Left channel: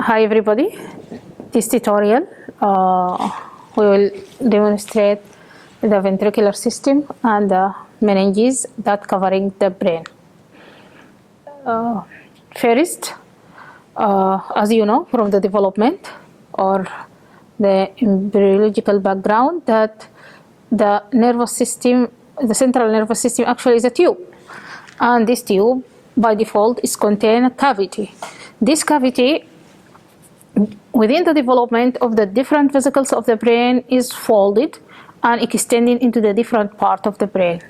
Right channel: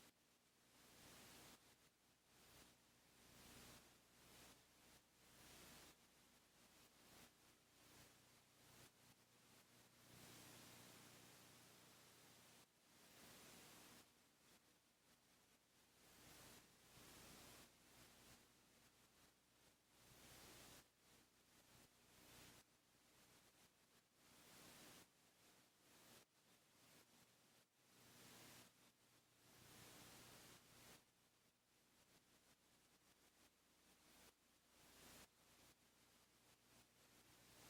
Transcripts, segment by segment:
Hi everybody. This tutorial we will demonstrate the ventricular system and the meninges that covering the brain. First, as you know from the development or the embryological background, that the nervous system, the central nervous system actually is a tube, and this tube by default is contain a cavity. This cavity within the development of the different vesicles of the brain is folded and extending into the different part of the brain.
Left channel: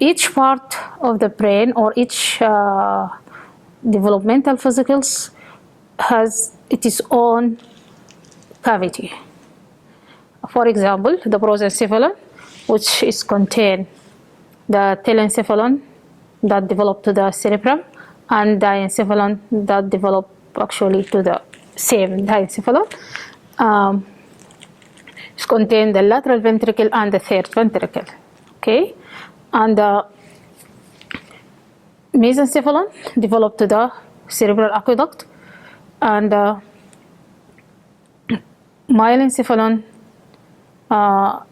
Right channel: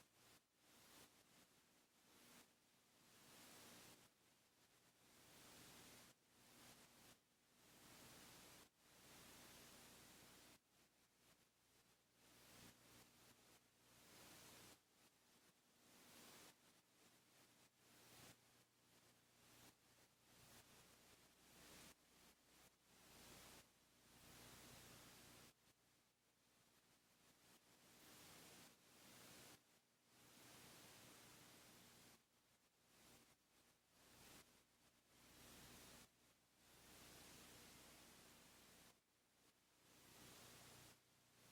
Each part of the brain or each developmental vesicles has its own cavity. For example, the prosencephalon, which is contain the telencephalon that develop to the cerebrum, and diencephalon that develop actually to the same diencephalon. It contains the lateral ventricle and the third ventricle. Okay, and the mesencephalon developed to the cerebral aqueduct, and the myelencephalon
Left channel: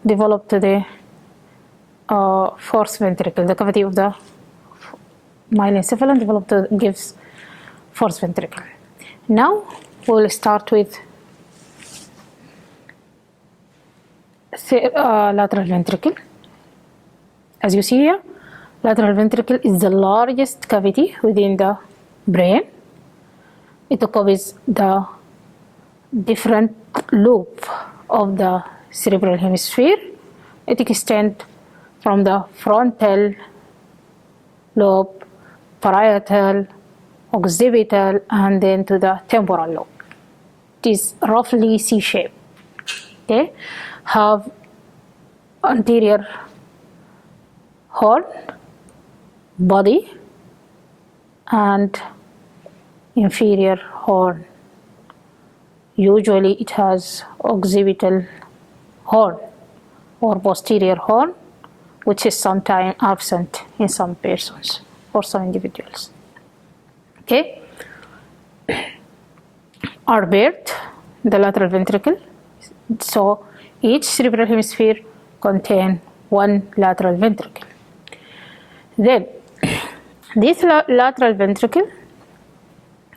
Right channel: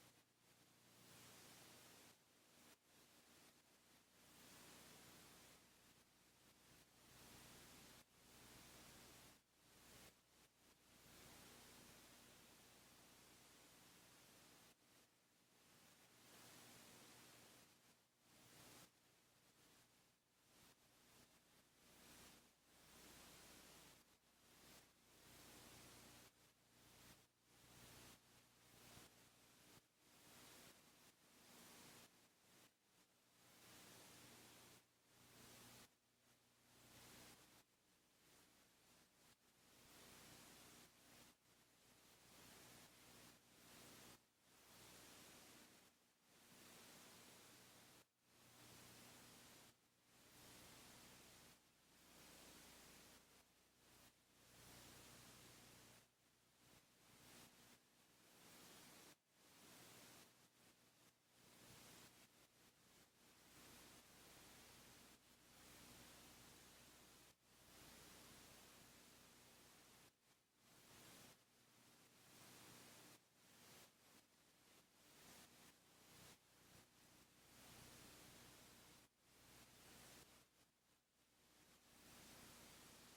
developed to the fourth ventricle. The cavity of the myelencephalon developed to gives fourth ventricle. Now we'll start with lateral ventricle. As you see here, lateral ventricle is the largest cavity within the brain. It covers the different loop of the cerebral hemisphere. It extends from the frontal lobe, parietal, occipital, and then to the temporal lobe. It is roughly C-shaped. Okay, have anterior horn, body, and inferior horn. Usually it has occipital horn or posterior horn, which is sometimes absent in some persons or some individuals. Okay, are paired the lateral ventricle. So each cerebral hemisphere contains one lateral ventricle. Then this lateral ventricle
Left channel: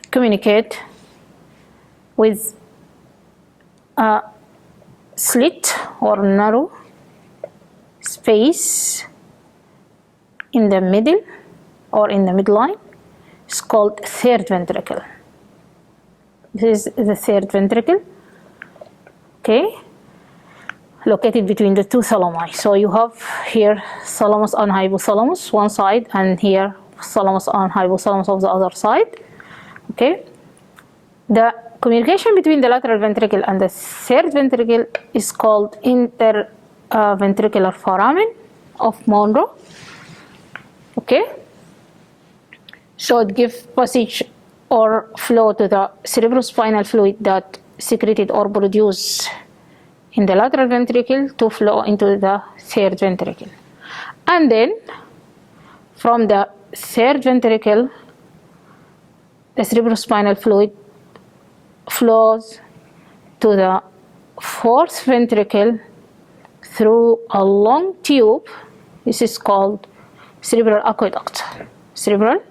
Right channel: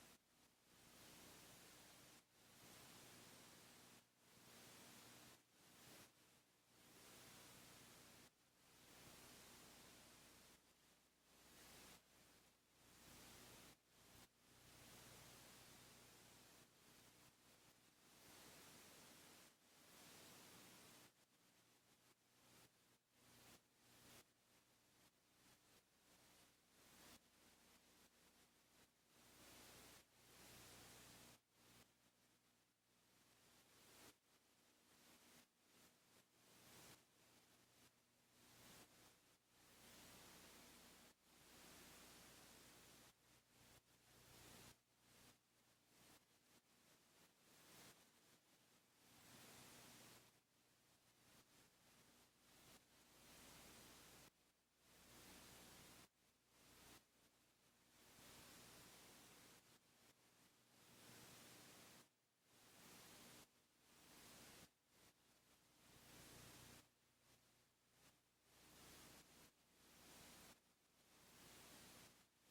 communicate with a slit or narrow space in the middle or in the midline. It's called third ventricle. This is the third ventricle. Okay, located between the two thalami. So you have here thalamus and hypothalamus one side, and here thalamus and hypothalamus of the other side. Okay, the communication between the lateral ventricle and the third ventricle is called interventricular foramen of Monro. Okay, so it gives passage or flow to the cerebrospinal fluid that secreted or produced in the lateral ventricle to flow into the third ventricle. And then from the third ventricle, the cerebrospinal fluid flows to the fourth ventricle through a long tube. This is called cerebral aqueduct. Cerebral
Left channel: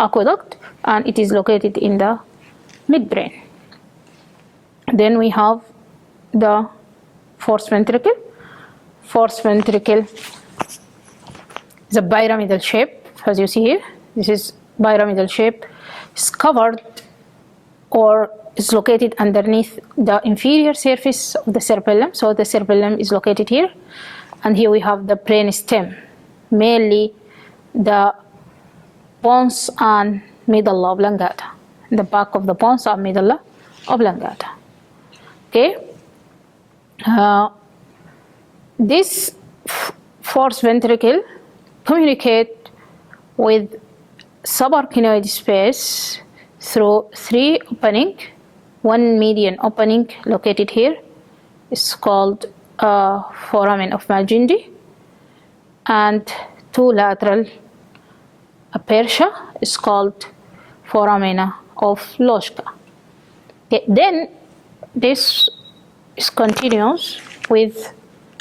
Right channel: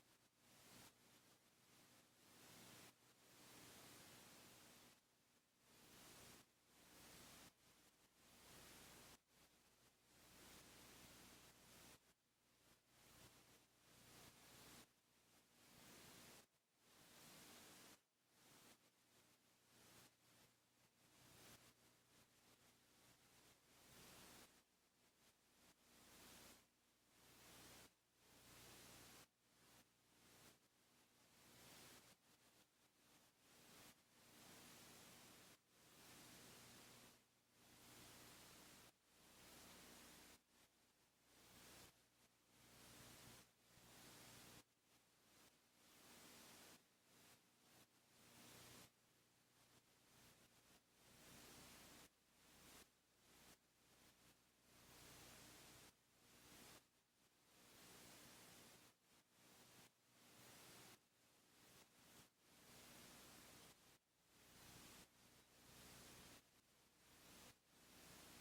aqueduct, and it is located in the midbrain. Then we have the fourth ventricle. Fourth ventricle is a pyramidal shape, as you see here. This is pyramidal shape. It's covered or is located underneath the inferior surface of the cerebellum. So the cerebellum is located here, and here we have the brain stem, mainly the pons and medulla oblongata, the back of the pons and medulla oblongata. Okay, this fourth ventricle communicate with subarachnoid space through three openings. One median opening located here is called foramen of Magendie, and two lateral aperture is called foramina of Loschka. Okay, then this is continuous with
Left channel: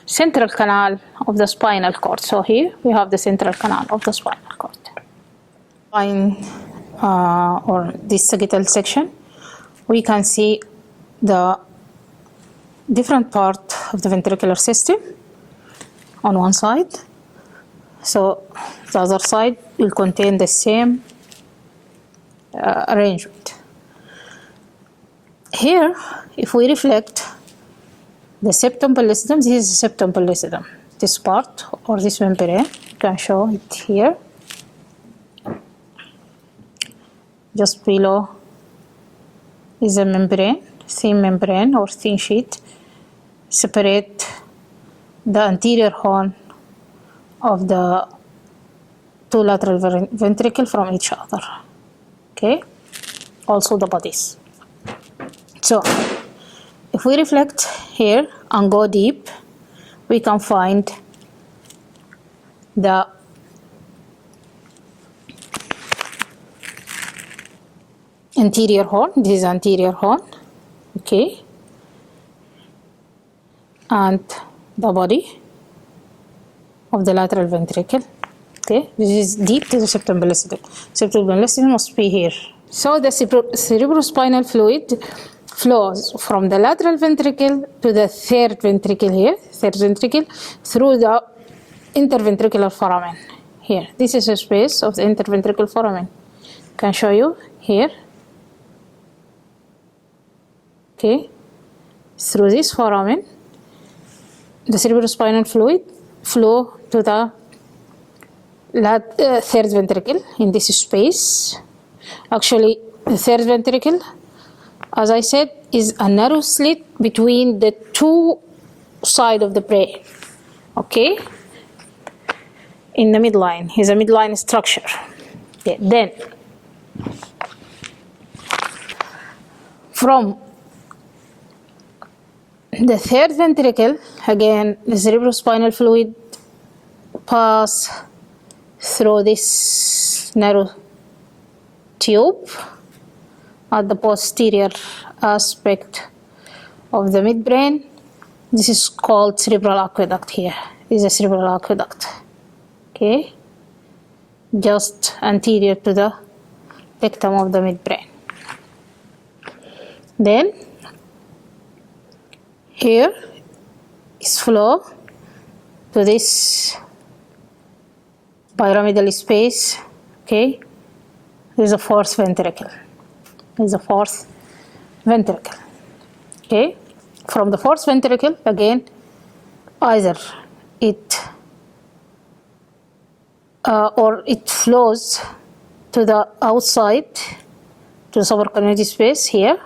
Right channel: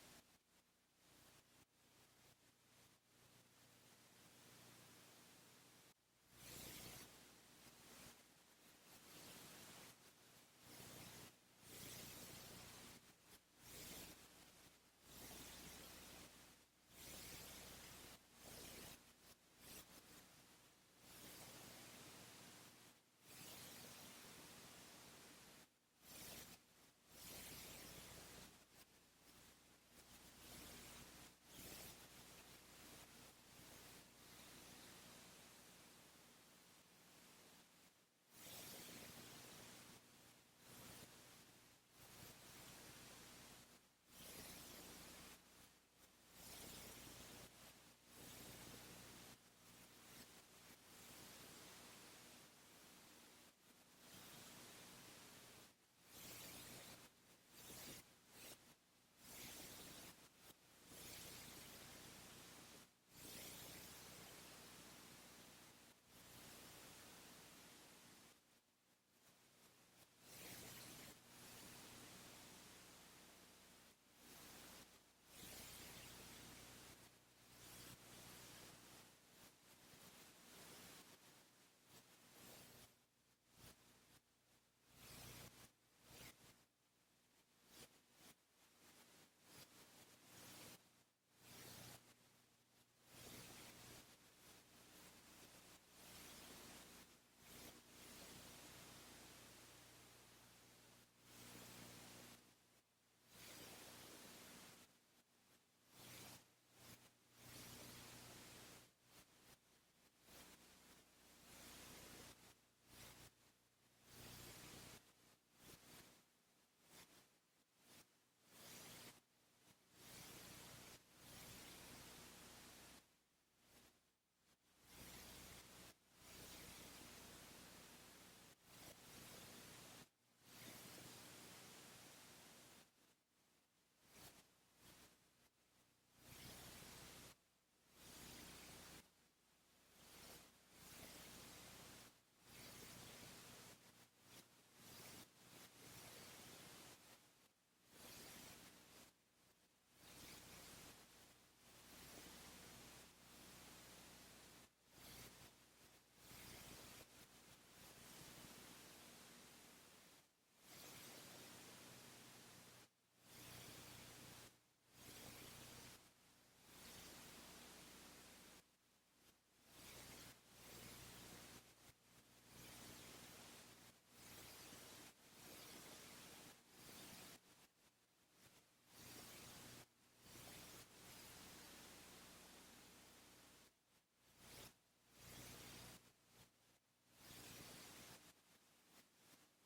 central canal of the spinal cord. So here we have the central canal of the spinal cord. Or this sagittal section, we can see the different part of the ventricular system on one side. So the other side will contain the same arrangement. Here, if we reflect the septum pellucidum, this is the septum pellucidum. This part or this membrane, you can show it here. Just below is a membrane, thin membrane or thin sheet, separate the anterior horn of the two lateral ventricles from each other. Okay, also the bodies. So if we reflect here and go deep, we can find the anterior horn. This is anterior horn, okay, and the body of the lateral ventricle. Okay, this is deep to the septum pellucidum. Septum pellucidum must be here. So the cerebrospinal fluid flows from the lateral ventricle to the third ventricle here, third ventricle, through the interventricular foramen here. This is a space of the interventricular foramen. I can show you here. Okay, through this foramen, the cerebrospinal fluid flow to the third ventricle in this space. Actually, the third ventricle, as I said, is a narrow slit between the two sides of the brain. Okay, in the midline, is a midline structure. Okay. Then, from the third ventricle, again, the cerebrospinal fluid pass through this narrow tube at the posterior aspect of the midbrain. This is called cerebral aqueduct here. This is a cerebral aqueduct. Okay, just anterior to the rectum of the midbrain. Then here is flow to this pyramidal space. Okay, there's a fourth ventricle. There's a fourth ventricle. Okay, from the fourth ventricle, again, either it or it flows to the outside, to the subarachnoid space here.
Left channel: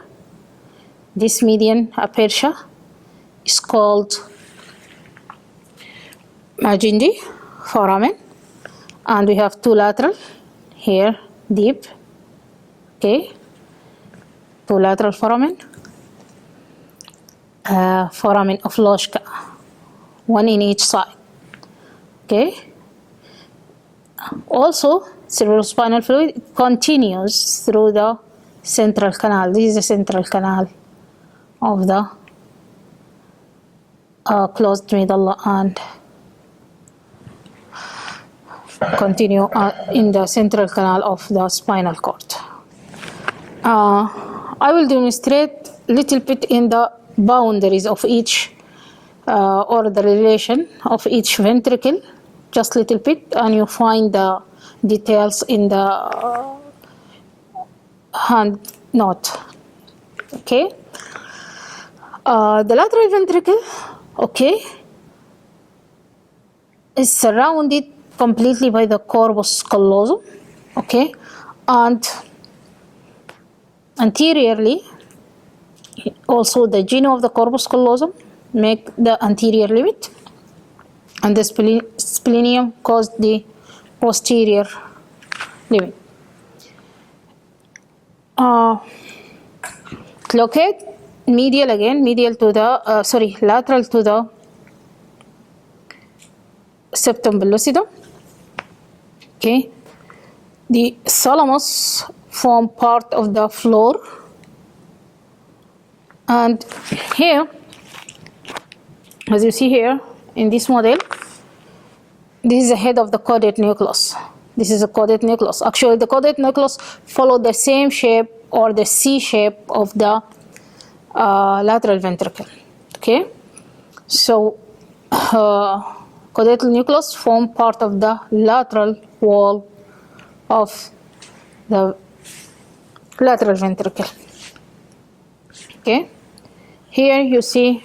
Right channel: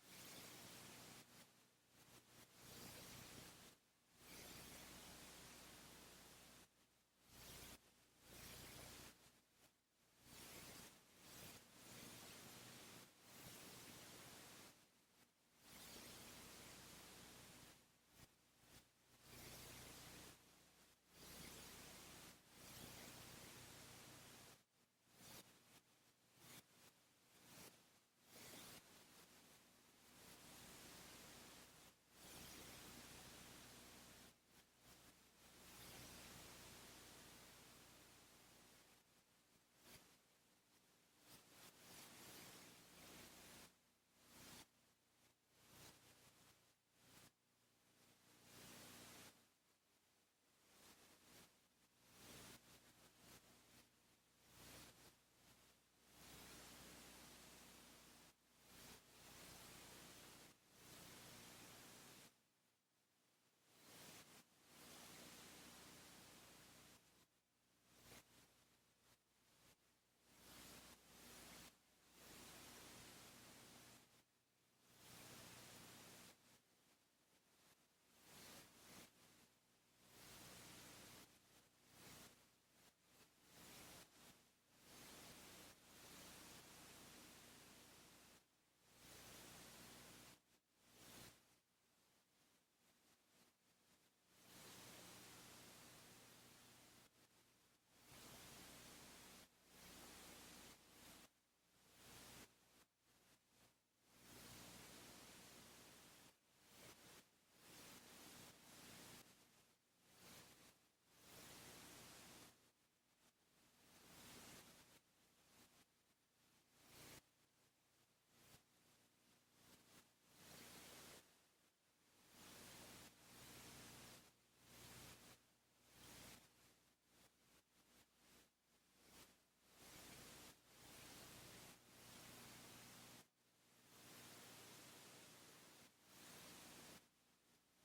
This median aperture is called Meninges foramen, and we have two lateral here, deep. Okay, two lateral foramen, foramen of Loschka, one in each side. Okay. Also, cerebrospinal fluid continues through the central canal. This is the central canal of the closed medulla and continue in the central canal of the spinal cord. I will demonstrate a little bit in the boundaries of each or the relation of each ventricle, just a little bit, and you find the details in the hand note. Okay. The lateral ventricle, okay, is surrounded completely by the corpus callosum, okay, and anteriorly also the genu of the corpus callosum make the anterior limit, and the splenium caused the posterior limit. Locate medial again, medial to the lateral to the septum pellucidum. Okay, the thalamus form part of the floor. And here, as you see here in this model, this is the head of the caudate nucleus. This is a caudate nucleus. Actually, the caudate nucleus follow the same shape or the C shape of the lateral ventricle. Okay, so caudate nucleus form part of the lateral wall of the lateral ventricle. Okay, here you see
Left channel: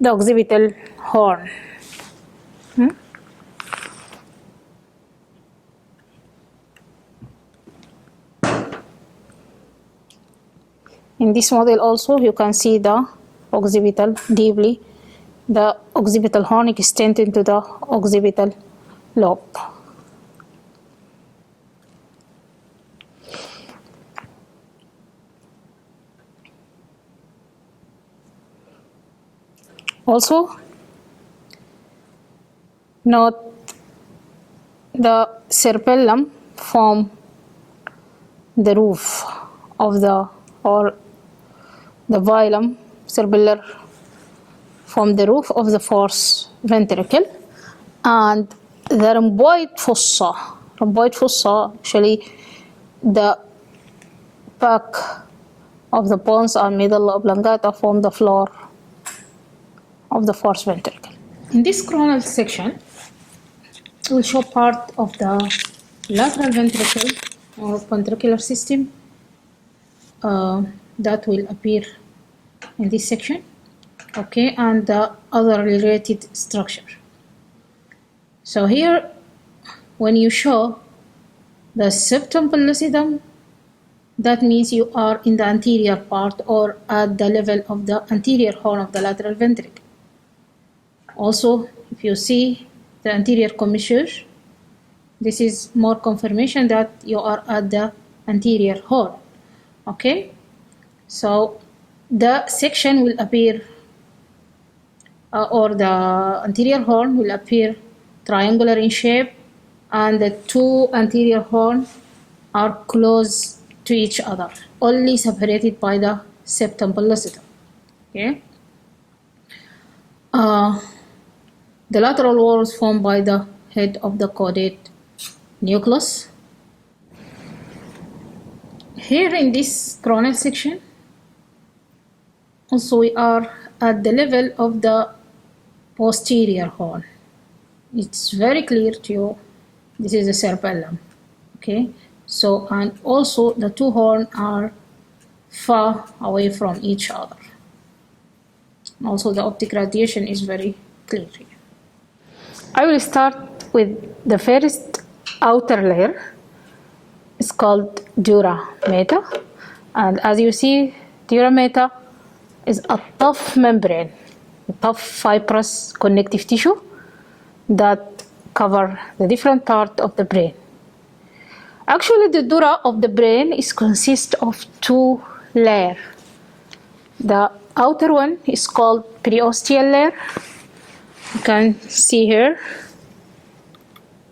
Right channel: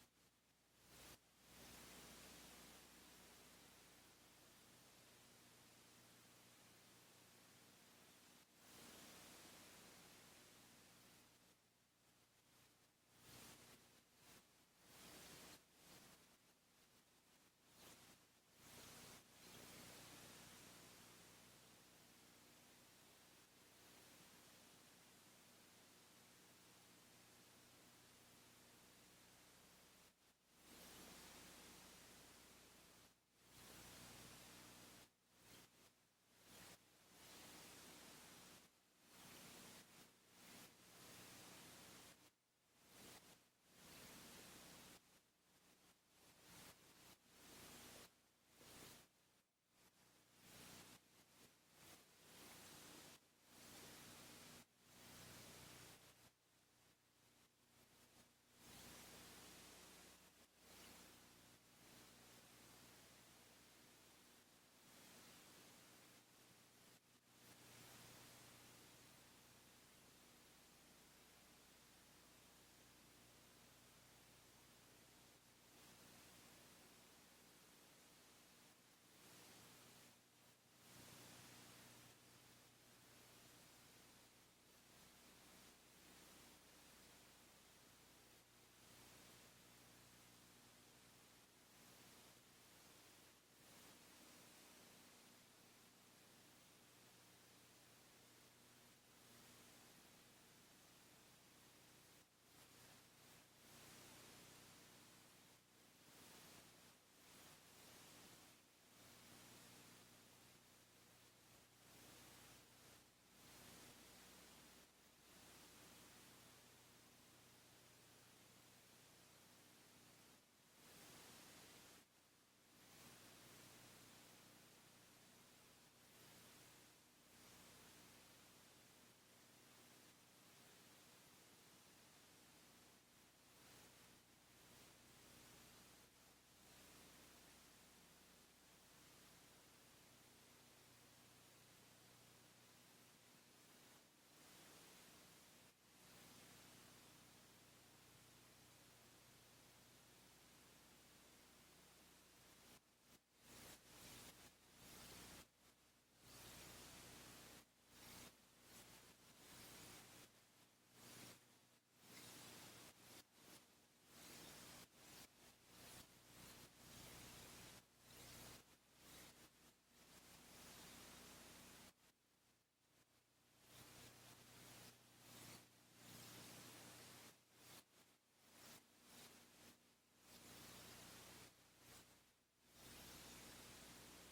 the occipital horn. In this model also you can see the occipital deeply, the occipital horn extends into the occipital lobe. Also, note the cerebellum form the roof of the, or the velum cerebellar from the roof of the fourth ventricle, and the rhomboid fossa. Rhomboid fossa, actually the back of the pons and middle oblongata form the floor of the fourth ventricle. In this coronal section, we'll show part of the lateral ventricle or ventricular system that will appear in this section, okay, and the other related structure. So here, when you show the septum pellucidum, that means you are in the anterior part or at the level of the anterior horn of the lateral ventricle. Also, if you see the anterior commissure, this is more confirmation that you are at the anterior horn. Okay, so the section will appear, or the anterior horn will appear triangular in shape, and the two anterior horns are close to each other, only separated by the septum pellucidum. Okay. The lateral wall is formed by the head of the caudate nucleus. Here in this coronal section, also we are at the level of the posterior horn. It's very clear to you, this is the cerebellum. Okay, so, and also the two horns are far away from each other. Also the optic radiation is very clear here. I will start with the first outer layer. It's called dura mater, and as you see, dura mater is a tough membrane, a tough fibrous connective tissue that cover the different part of the brain. Actually, the dura of the brain is consist of two layers. The outer one is called periosteal layer. You can see here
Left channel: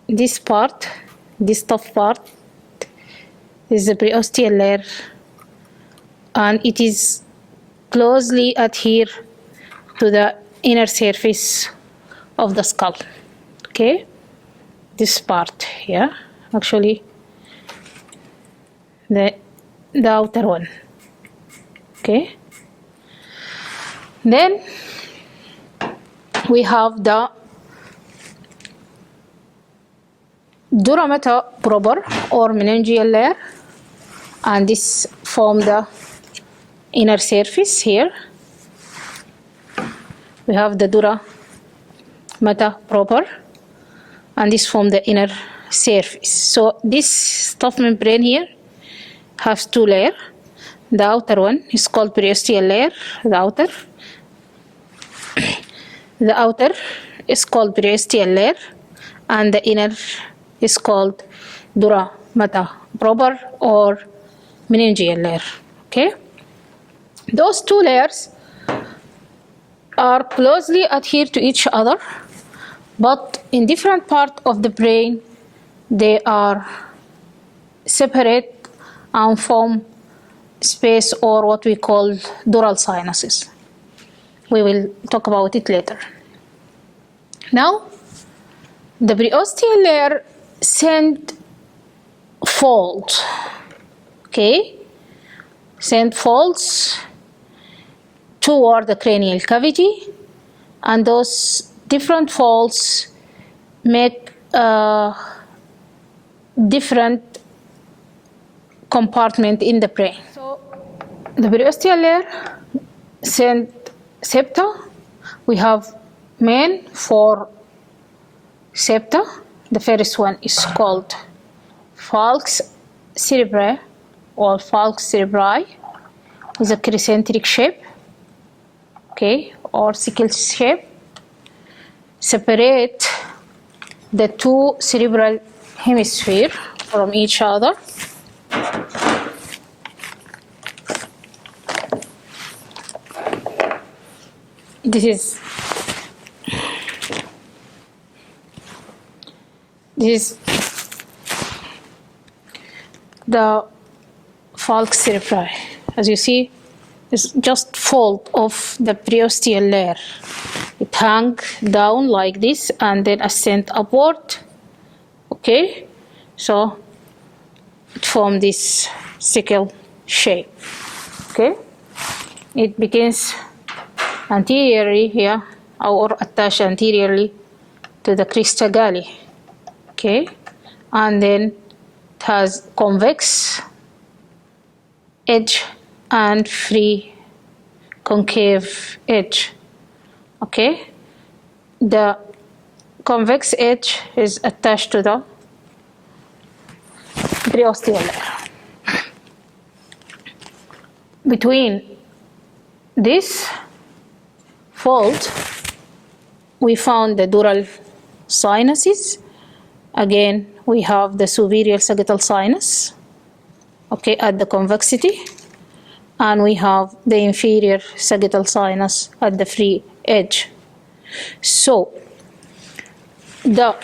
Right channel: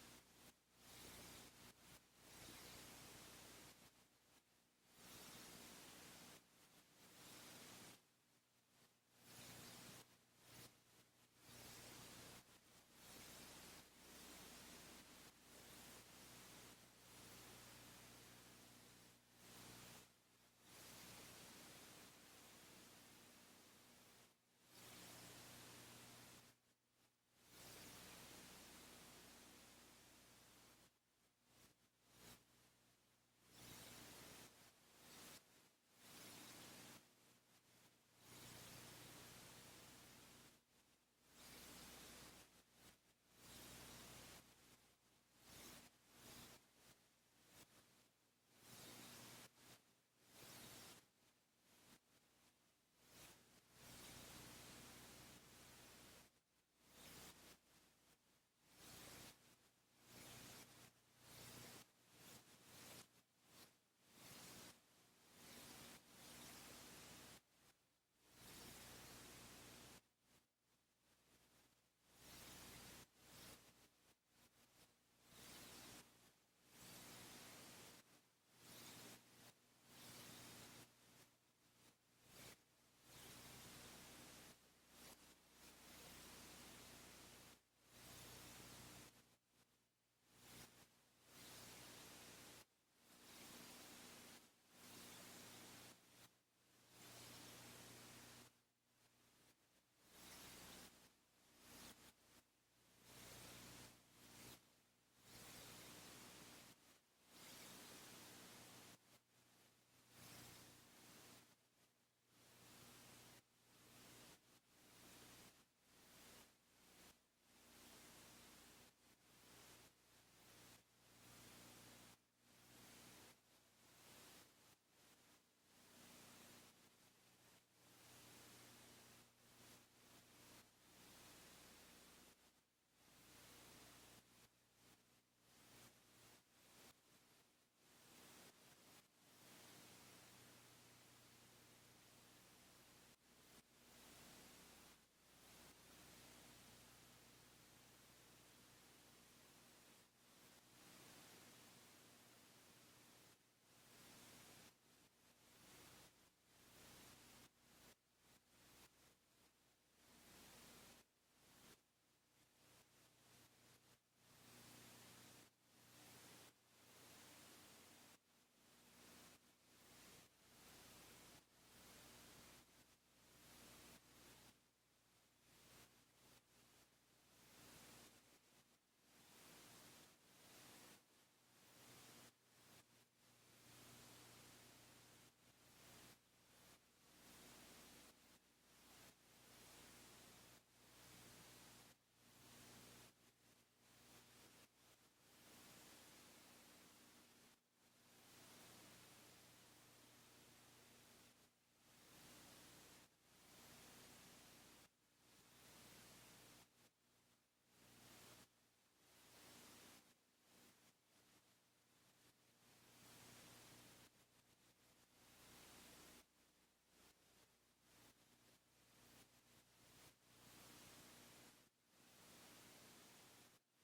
this part, this tough part is the periosteal layer, and it is closely adhered to the inner surface of the skull. Okay, this part here, actually the outer one. Okay, then we have the dura mater proper or meningeal layer, and this form the inner surface here. We have the dura mater proper, and this form the inner surface. So this tough membrane here has two layers. The outer one is called periosteal layer, the outer. The outer is called periosteal layer, and the inner is called dura mater proper or meningeal layer. Okay, those two layers are closely adhered to each other, but in different parts of the brain they are separate and form space, or what we call dural sinuses. We will talk about it later. Now, the preosteal layer send folds, okay? Send folds toward the cranial cavity, and those different folds make different compartment in the brain. So the preosteal layer send septa. We have main 4 septa. The first one is called falx cerebri, or falx cerebri, with a crescentric shape, okay, or sickle shape. Separate the 2 cerebral hemispheres from each other. This is the falx cerebri. As you see, it's just fold of the preosteal layer. It hang down like this and then ascend upward. Okay, so it forms this sickle shape. Okay, it begins anteriorly here, or attached anteriorly to the crista galli. Okay, and then it has convex edge and free concave edge. Okay, the convex edge is attached to the preosteal layer. Between this fold, we found the dural sinuses. Again, we have the superior sagittal sinus, okay, at the convexity, and we have the inferior sagittal sinus at the free edge. So the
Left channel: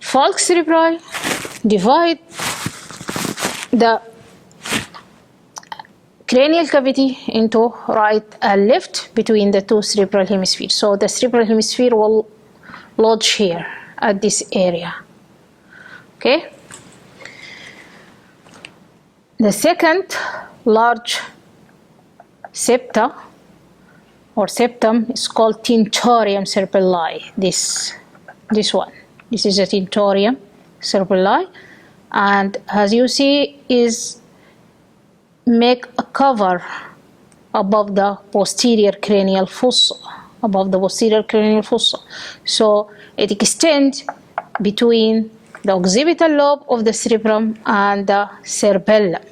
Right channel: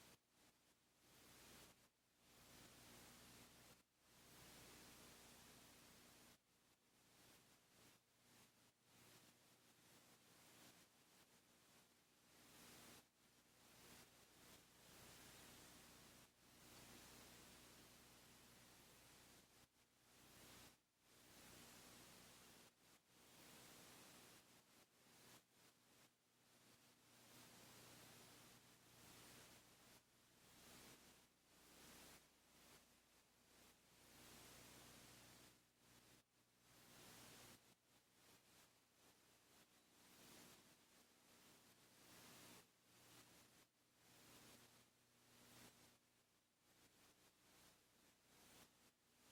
falx cerebri divide the cranial cavity into right and left between the 2 cerebral hemispheres. So the cerebral hemisphere will lodge here at this area. Okay. The second large septa or septum is called tentorium cerebelli. This one. This is a tentorium cerebelli, and as you see, is make a cover above the posterior cranial fossa, So it extends between the occipital lobe of the cerebrum and the cerebellum.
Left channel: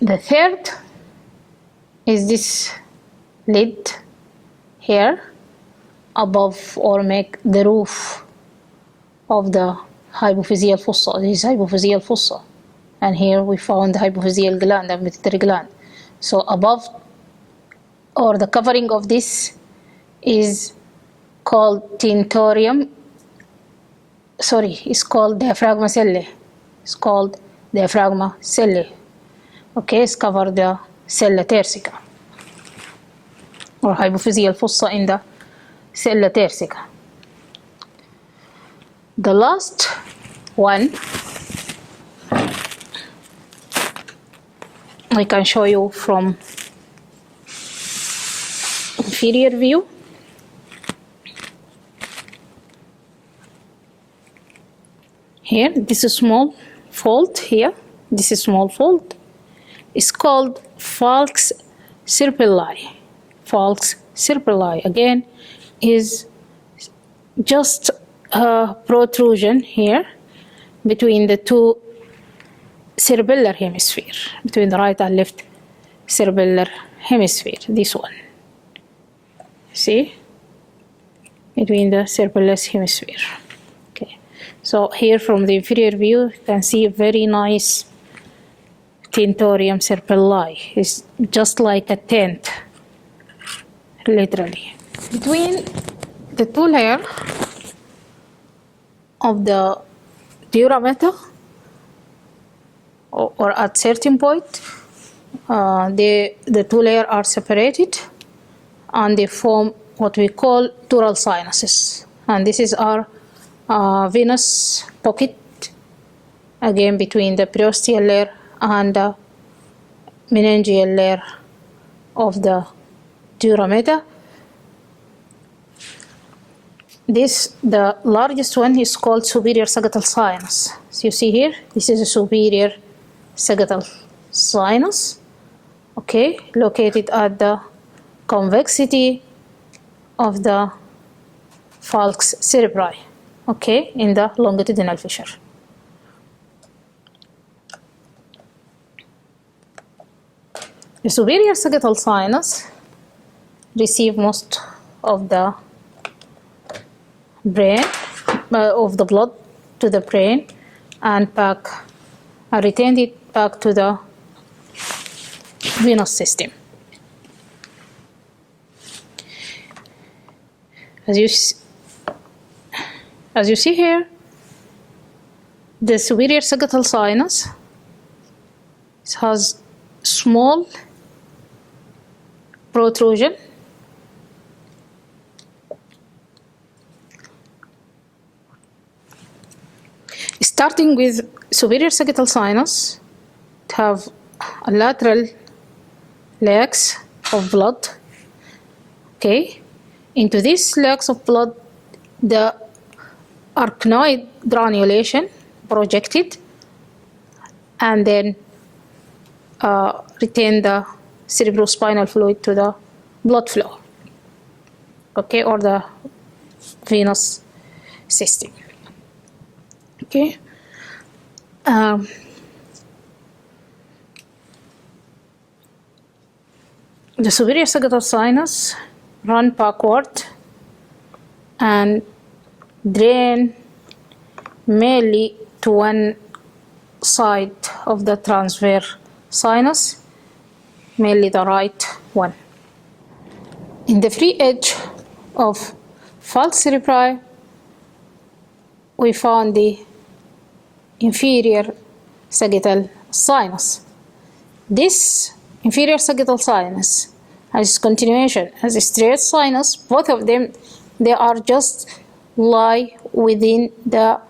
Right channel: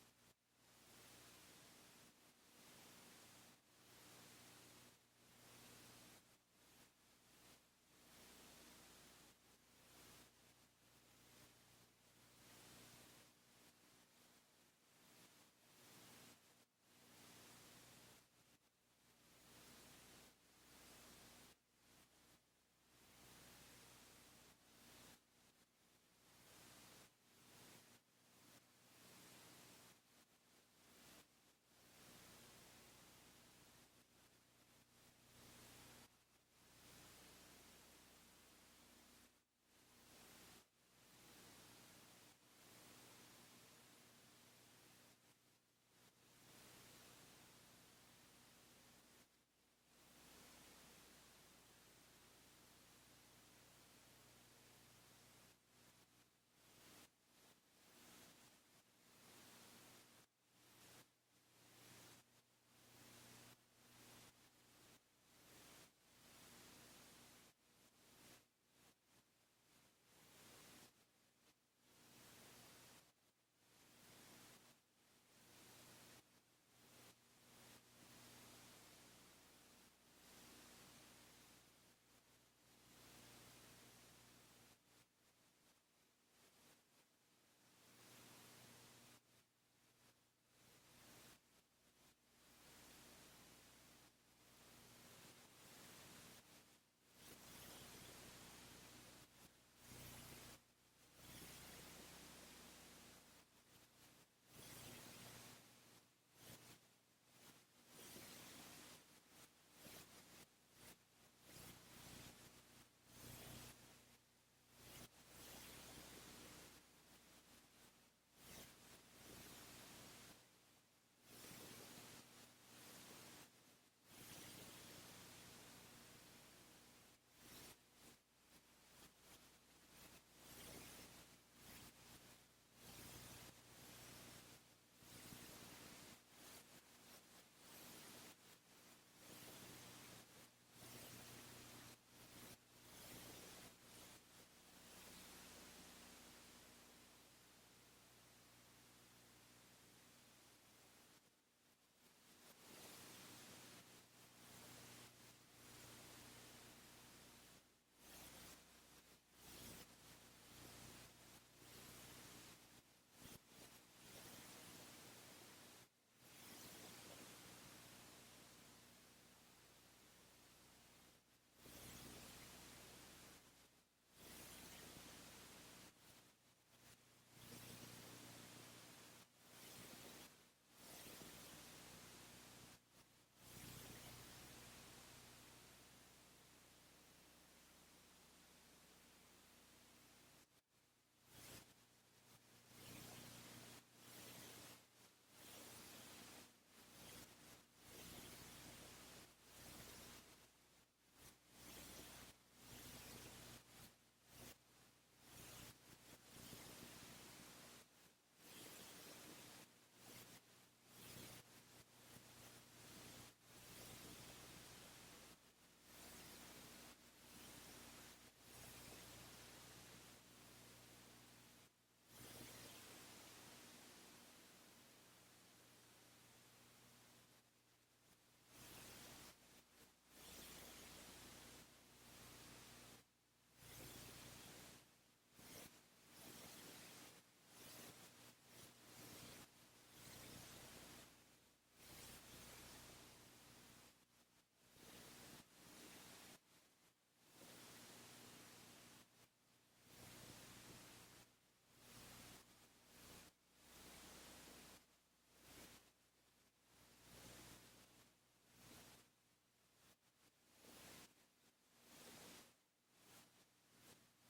The third is this lid here above, or make the roof of the hypophyseal fossa. This is hypophyseal fossa, and here we found the hypophyseal gland and pituitary gland. So above, or the covering of this, is called tentorium. Sorry, it's called diaphragma cellae. It's called diaphragma cellae. Okay, it's covered the sella tersica, or hypophyseal fossa in the sella tersica. The last one I can show you from inferior view. Here, this is small fold here. This is small fold. It's called falx cerebelli. Falx cerebelli again is just a protrusion here between the 2 cerebellar hemisphere, between the right and left cerebellar hemisphere. This one. See? Between the cerebellous hemisphere. Okay. So here from the inferior view, you can see a very nice tentorium cerebelli. It's just like a tent, literally. Between the 2 layers, of the dura mater, or at certain point, the two layers are separated and they form what we call dural sinuses. And this is our venous pocket, again between the periosteal layer and the meningeal layer of the dura mater. The largest one is called superior sagittal sinus. So you see here, this is a superior sagittal sinus, okay, located at the convexity of the falx cerebri, okay, in the longitudinal fissure. The superior sagittal sinus receive most of the brain, of the blood to the brain, and retain it back to the venous system. As you see here, the superior sagittal sinus has small protrusion starting with superior sagittal sinus. To have a lateral legs of blood, okay. Into these legs of blood, the arkanoid granulation projected, and then retain the cerebrospinal fluid to the blood flow, okay, or the venous system, okay. The superior sagittal sinus run backward and drain mainly to one side of the transverse sinus, mainly the right one. In the free edge of falx cerebri, we found the inferior sagittal sinus. This inferior sagittal sinus has continuation as a straight sinus. Both of them, they are just lie within the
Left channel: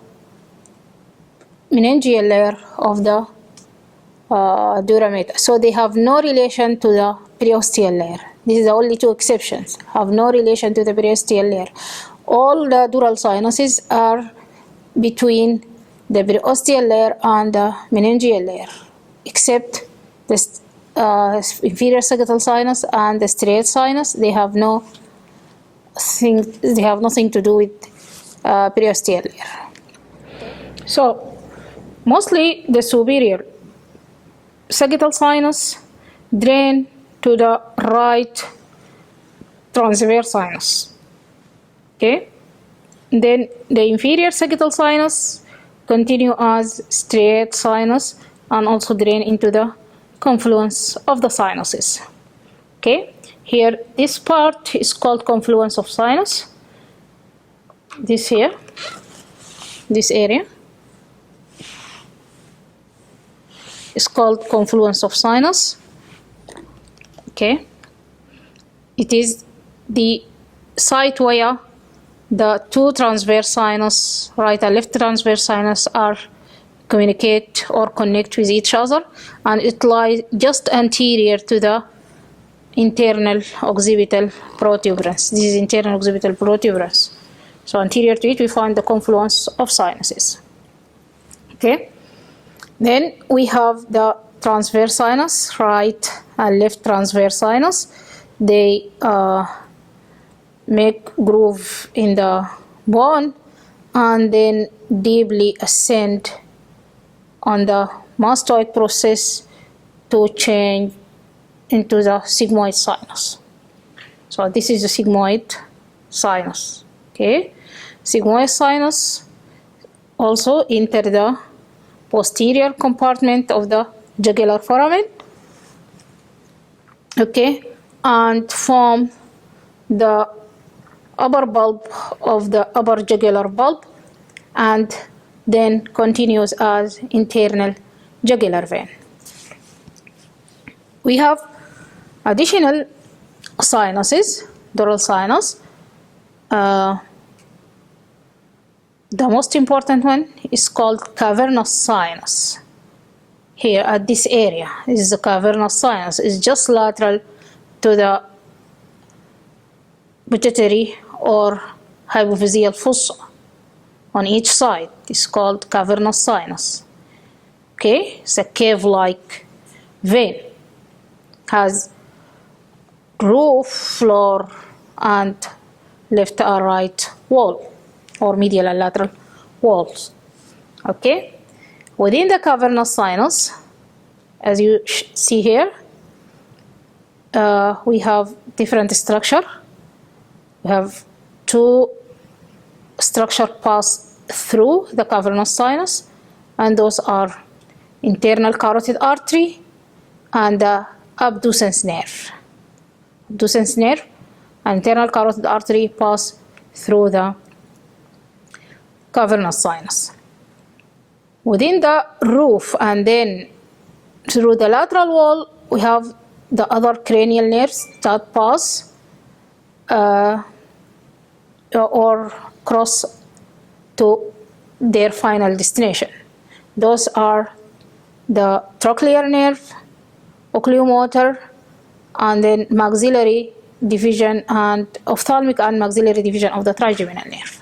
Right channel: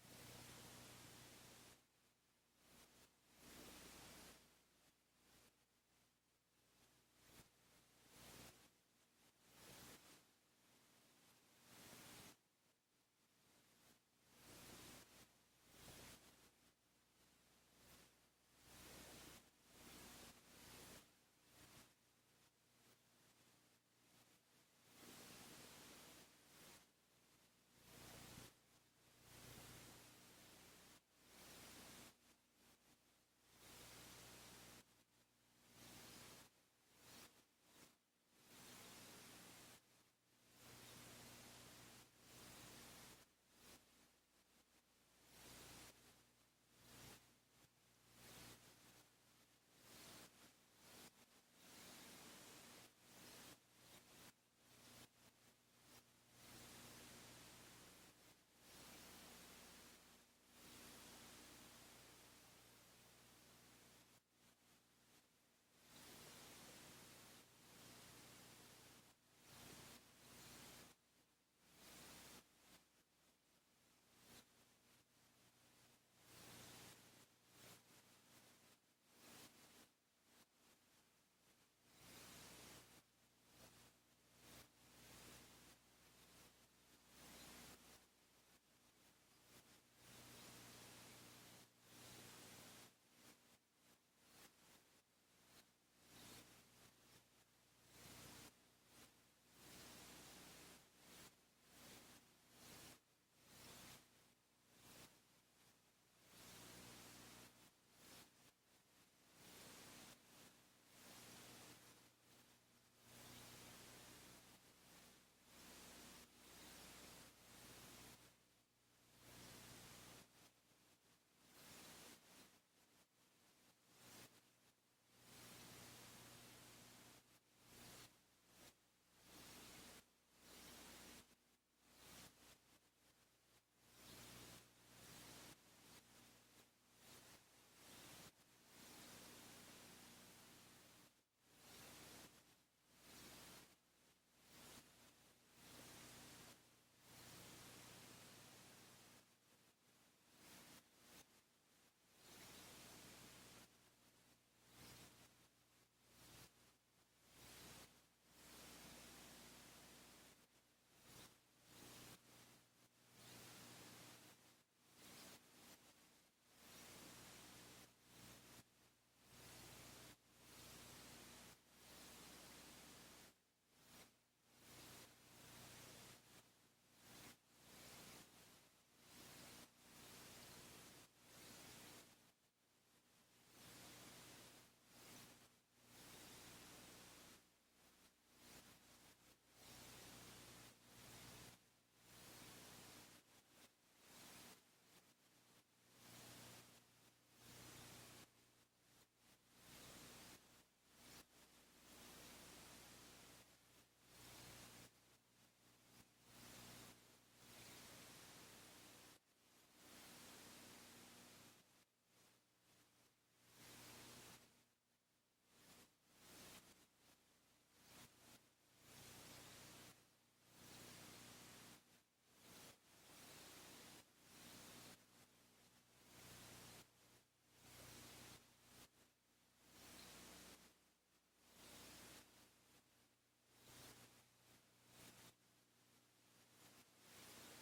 meningeal layer of the dura mater. So they have no relation to the periosteal layer. This is the only two exceptions, have no relation to the periosteal layer. All the dural sinuses are between the periosteal layer and the meningeal layer, except the inferior sagittal sinus and the straight sinus. They have nothing to do with periosteal layer. So mostly the superior sagittal sinus drain to the right transverse sinus, okay. Then the inferior sagittal sinus continue as straight sinus and also drain into the confluence of the sinuses, okay. Here, this part is called confluence of sinus. This here, this area is called confluence of sinus, okay. It is the site where the two transverse sinus, right and left transverse sinus, are communicate or connect with each other, and it lies just anterior to the internal occipital protuberance. This is internal occipital protuberance. So anterior to it, we find the confluence of sinuses, okay. Then we have the transverse sinus, right and left transverse sinus. They make groove in the bone and then deeply ascend on the mastoid process to change into the sigmoid sinus. So this is the sigmoid sinus, okay. Sigmoid sinus also enter the posterior compartment of the jugular foramen, okay, and form the upper bulb of the upper jugular bulb, and then continues as internal jugular vein. We have additional sinuses, dural sinus. The most important one is called cavernous sinus. Here at this area is the cavernous sinus. It's just lateral to the pituitary or hypophyseal fossa on each side. It's called cavernous sinus. Okay, it's a cave-like vein. Has roof, floor, and left or right wall, or medial and lateral walls. Okay, within the cavernous sinus, as you see here, we have different structure. We have two structures pass through the cavernous sinus, and those are internal carotid artery and the abducens nerve. Abducens nerve and internal carotid artery pass through the cavernous sinus. Within the roof and then through the lateral wall, we have the other cranial nerves that pass or cross to their final destination. Those are the trochlear nerve, oculomotor, and then maxillary division and ophthalmic and maxillary division of the trigeminal nerve.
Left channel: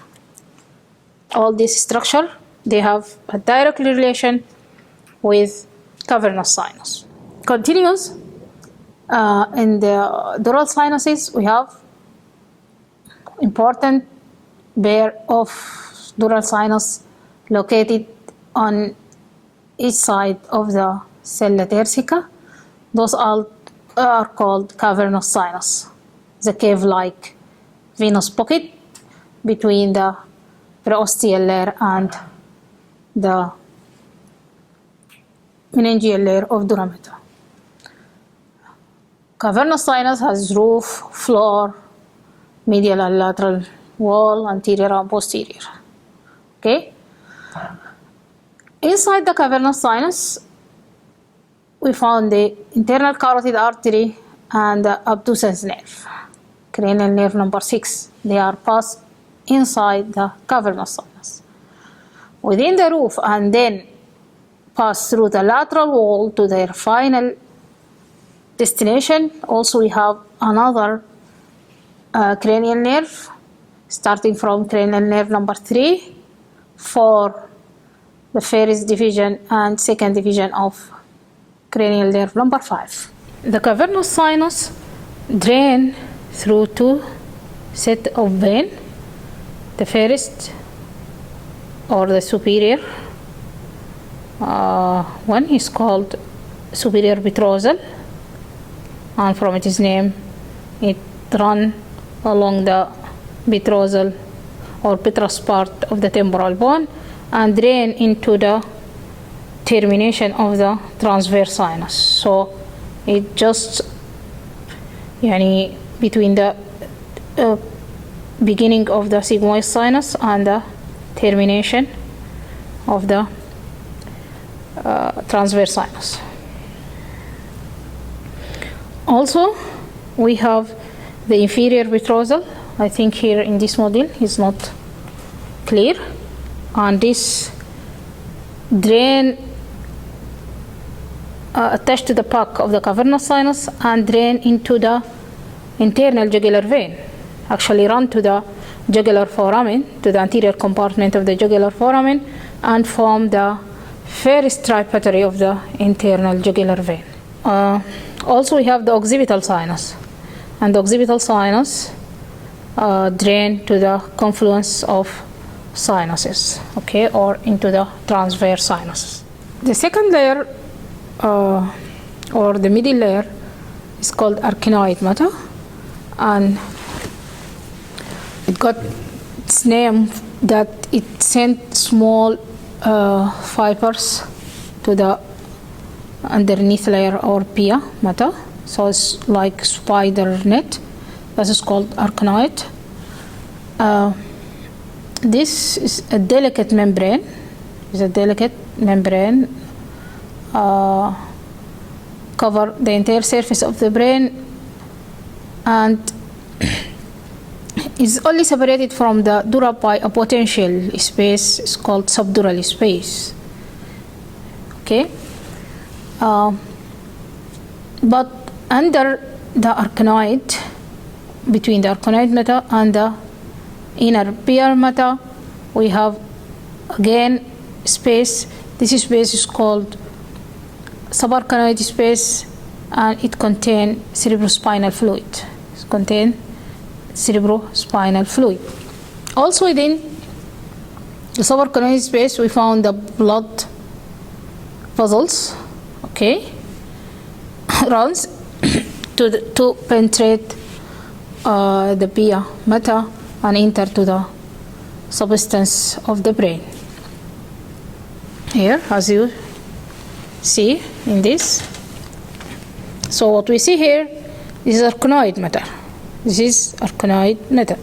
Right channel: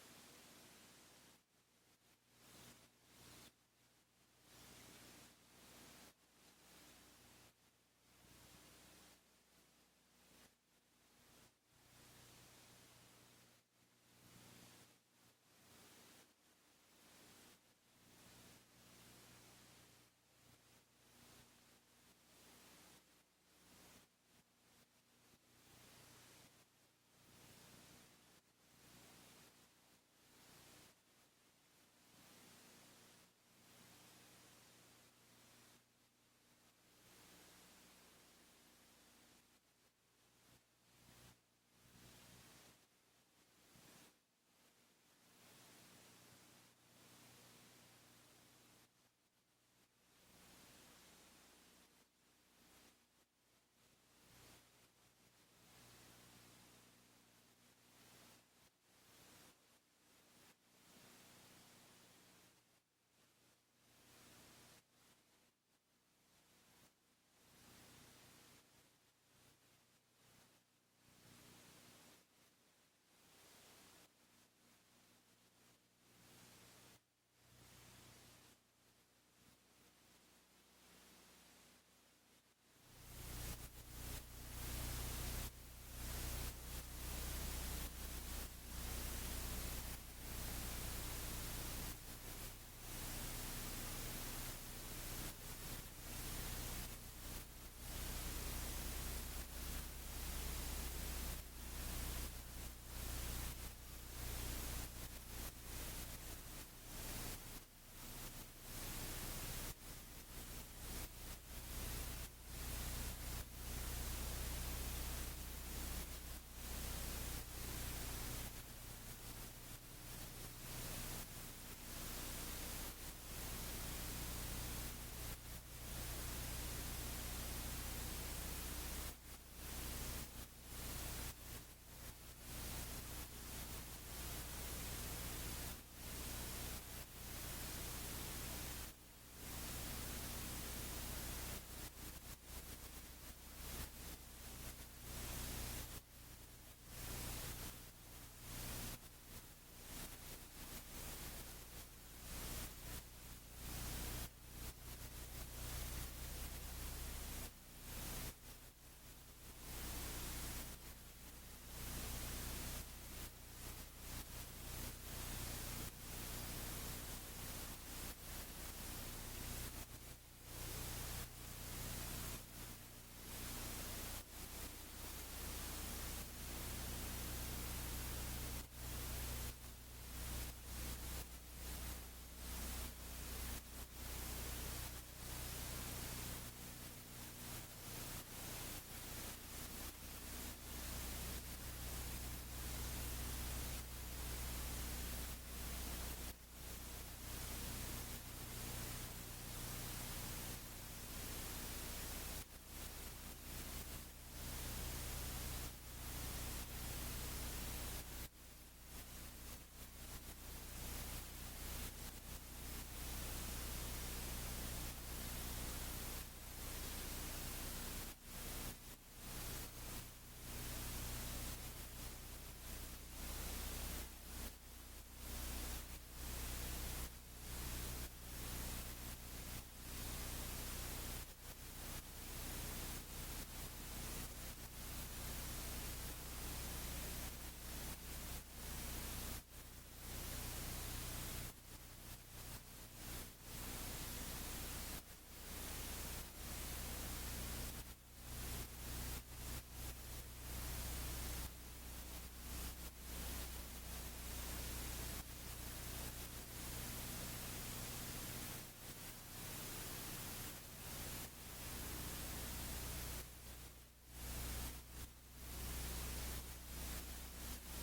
All this structure, they have a direct relation with cavernous sinus. Continues in the dural sinuses, we have important pair of dural sinus located on each side of the sella turcica. Those all are called cavernous sinus. The cave-like venous pocket between the preosteal layer and the meningeal layer of durameter. Cavernous sinus has roof, floor, medial and lateral wall, anterior and posterior. Okay. Inside the cavernous sinus, we found the internal carotid artery and the abducens nerve, cranial nerve number 6. They are passed inside the cavernous sinus. Within the roof and then pass through the lateral wall to their final destination. Also, we have another cranial nerve starting from cranial nerve number 3 for the first division and second division of cranial nerve number 5. The cavernous sinus drain through two sets of veins. The first, or the superior one, is called superior petrosal, and from its name, it runs along the petrosal or petrous part of the temporal bone and drain into the termination of the transverse sinus. So it just between the beginning of the sigmoid sinus and the termination of the transverse sinus. Also, we have the inferior petrosal. I think here in this model is not clear, and this drain attached to the back of the cavernous sinus and drain into the internal jugular vein. Actually run to the jugular foramen, to the anterior compartment of the jugular foramen, and form the first tributary of the internal jugular vein. Also, we have the occipital sinus, and the occipital sinus drain to the confluence of sinuses, okay, or into the transverse sinuses. The second layer, or the middle layer, is called arkanoid matter, and it got its name that it sent small fibers to the underneath layer or pia matter, so it's like spider net. This is called arkanoid. this is a delicate membrane. It's a delicate membrane cover the entire surface of the brain, and is only separated from the dura by a potential space. It's called subdural space. Okay, but under the arkanoid, between the arkanoid matter and the inner pure matter, we have again space. This space is called subarachnoid space, and it contains cerebrospinal fluid. It contains cerebrospinal fluid. Also within the subarachnoid space, we found the blood vessels, okay, runs to penetrate the pia matter and enter to the substance of the brain. Here, as you see in this. So what we see here is arkanoid matter. This is arkanoid matter.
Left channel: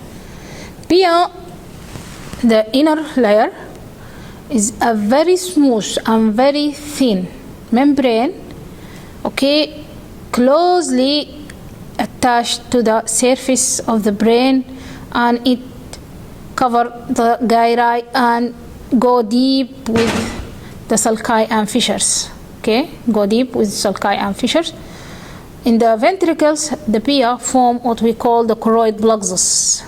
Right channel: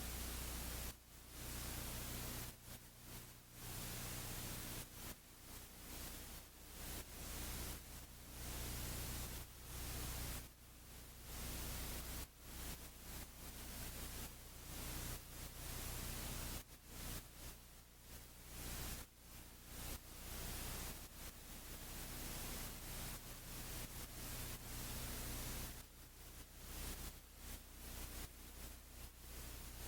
Pia, the inner layer, is a very smooth and very thin membrane, okay, closely attached to the surface of the brain, and it cover the gyri and go deep with the sulci and fissures. Okay, go deep with sulci and fissures. In the ventricles, the pia form what we call the choroid plexus.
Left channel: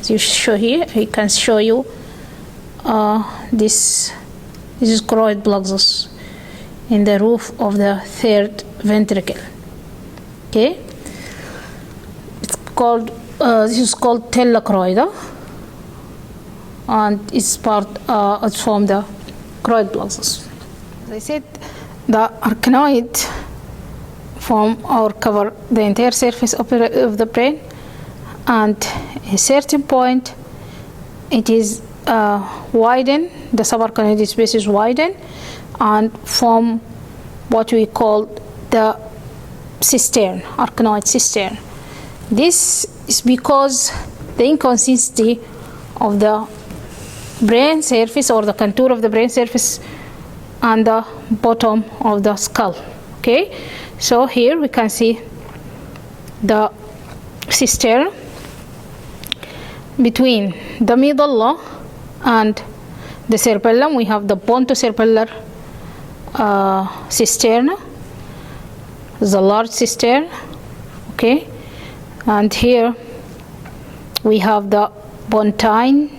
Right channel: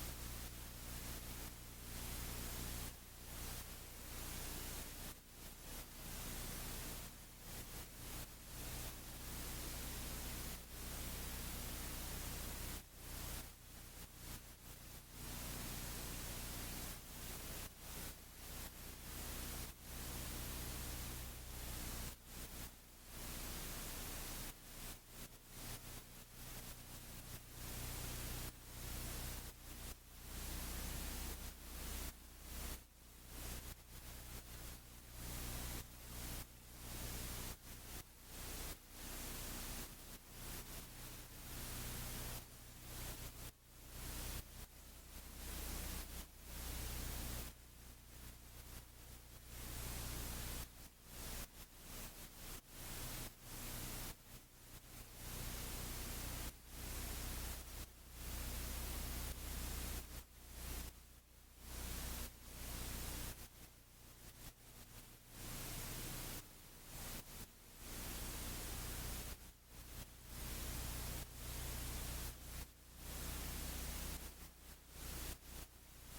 As you show here, I can show you this is choroid plexus in the roof of the third ventricle. Okay, it's called this is called tella choroida, and it's it's from the choroid plexus. As I said, the arkanoid form or cover the entire surface of the brain, and at a certain point it is widened, the subarachnoid space is widened and form what we call the cistern, arkanoid cistern. This is because the inconsistency of the brain surface or the contour of the brain surface and the bottom of the skull. Okay, so here we can see the cistern between the medulla and the cerebellum. We have the pontocerebellar cistern, the large cistern. Okay, and here we have the pontine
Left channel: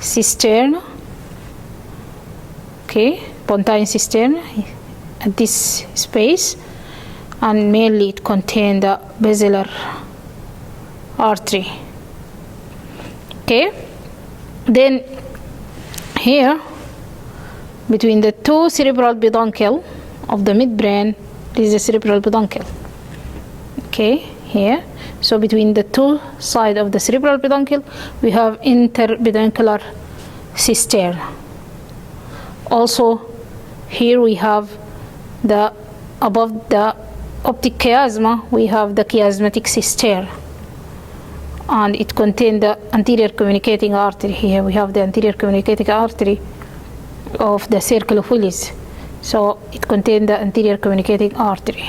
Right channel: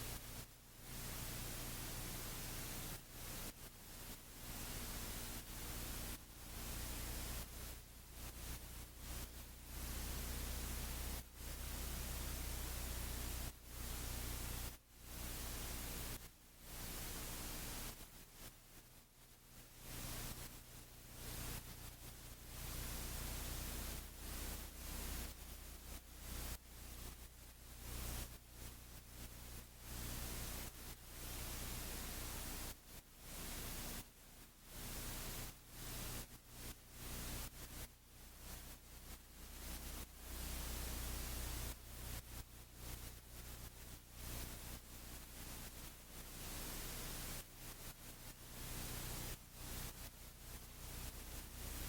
cistern. Okay, pontine cistern at this space, and mainly it contains the basilar artery. Okay, then here between the two cerebral peduncle of the midbrain is the cerebral peduncle. Okay, here, so between the two sides of the cerebral peduncle we have interpeduncular cistern. Also here we have the above the optic chiasma we have the chiasmatic cistern, and it contains the anterior communicating artery. Here we have the anterior communicating artery of the circle of Willis, so it contains the anterior communicating artery.